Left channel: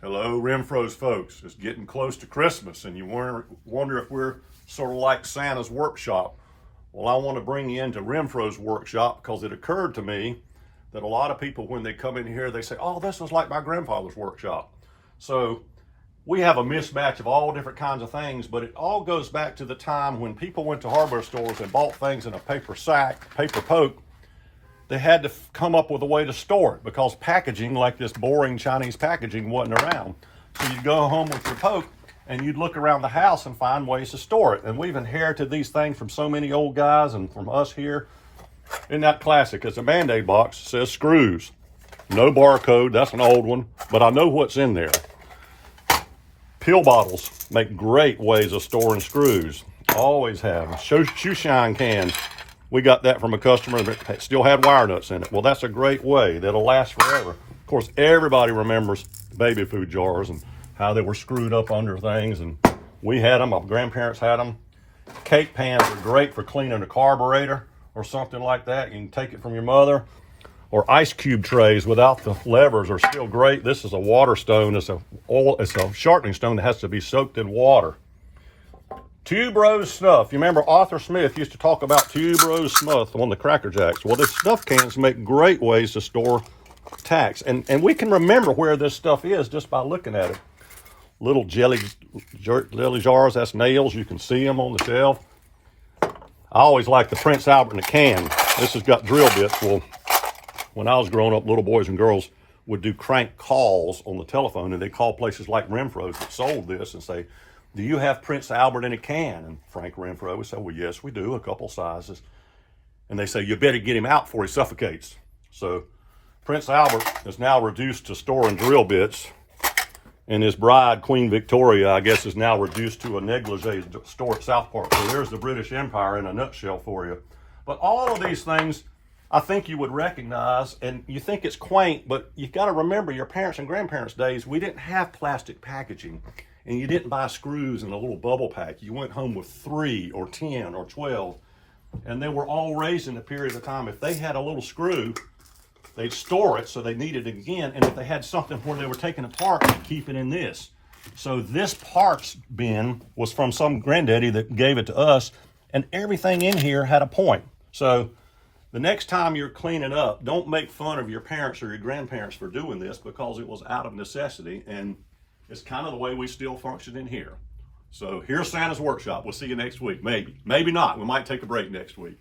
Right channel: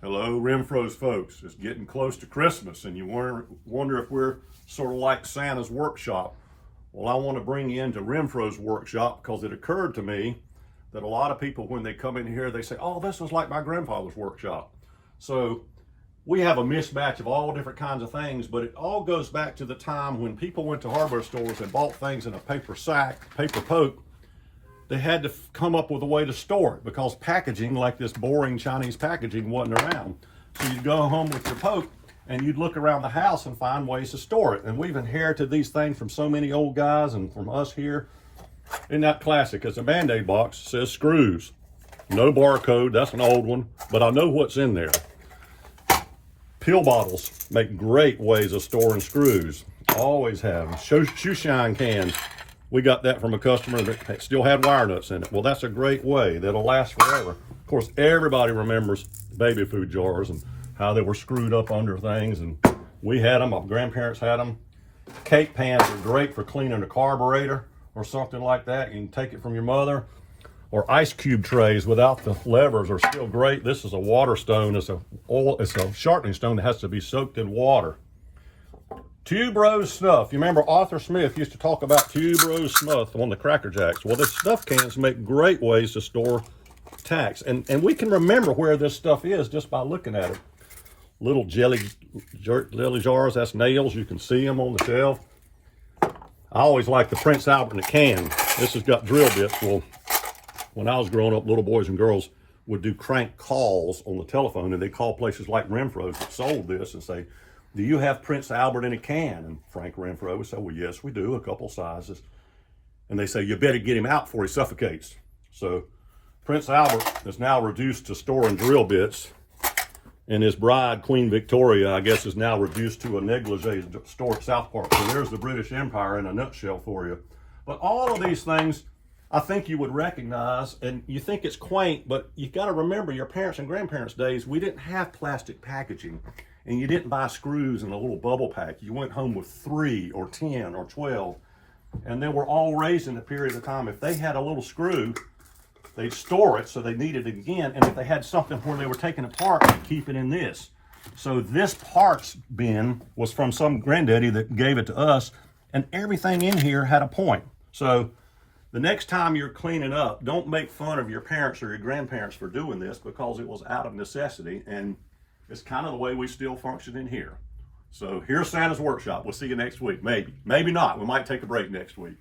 Hello, Renfrow's folks. It's getting close to Christmas, and you wonder if we're sort of like Santa's workshop. Well, I want to bring you into Renfrow's workshop because it occurred to me that a lot of people, when they come in here, they say, oh, this was like my grandfather's workshop. So we have a mismatch of all different kinds of things, but it all goes back to the time when people went to hardware stores and bought things in a paper sack, paper poke. They had to come up with a way to store it because packaging, like this boring Chinese packaging, wasn't around. So you'd go home with your poke and you'd look around the house and find ways to store it. And we've inherited these things from so many old guys and from us here. Isn't that classic? It's a Band-Aid box, says screws. No barcode, that's an old one, but I know what's in there. Pill bottles make great ways of storing screws. Always have. Shoe shine cans. We got that from a customer that still had wire nuts in it. Well, that's a great way. That'll last forever. Of course, everybody remembers baby food jars and how they were screwed up under things. And we had them. My grandparents had them. Cake pans are great for cleaning a carburetor or something like that. You can take it from your mother. Or ice cube trays without the levers are still great. This is a water stone. It's a sharpening stone that has to be soaked in water. Tube Rose Snuff. You remember Arthur Smith used to talk about Tube Rose Snuff on the Cracker Jacks. Well, the snuff cans make great ways to store tacks. And we can remember where this stuff is just by looking at it. Little jelly jars, that's nails. You can see them on the shelf. I always like the Prince Albert in a can. This has got drill bits. Well, when I was growing up, little boys and girls would do crank calls on the telephone, and they call places like Renfrow's that sold this and say, do you have Prince Albert in a can? And Frank Renfrow would say, well, yes, we do, a couple sizes. And they say, you better get him out before he suffocates. So Prince Albert is now reduced to storing drill bits. And his bride, Queen Victoria, I guess, is now reduced to a negligee store at South Park. So there's the British Empire in a nutshell for you. But all of these things, I think you would recognize, and you think it's quaint, but you got to remember your parents' and grandparents' days, we didn't have plastic packaging. And you didn't buy screws in a little bubble pack. You went home with 3 or 10 or 12. And they were all raised in a period of time. If they had a little screw, they'd store it so they needed it again. And if they had something where they were taking apart, they'd keep it in this. So this parts bin was from some granddaddy that gave it to us. And everything in here had a point. So the next time you're cleaning up, don't make fun of your parents or your grandparents for doing this because it was out of necessity. And it's kind of the way we still function in here. So here's Santa's workshop. We'll see you next week. Maybe not. We might take a break next week.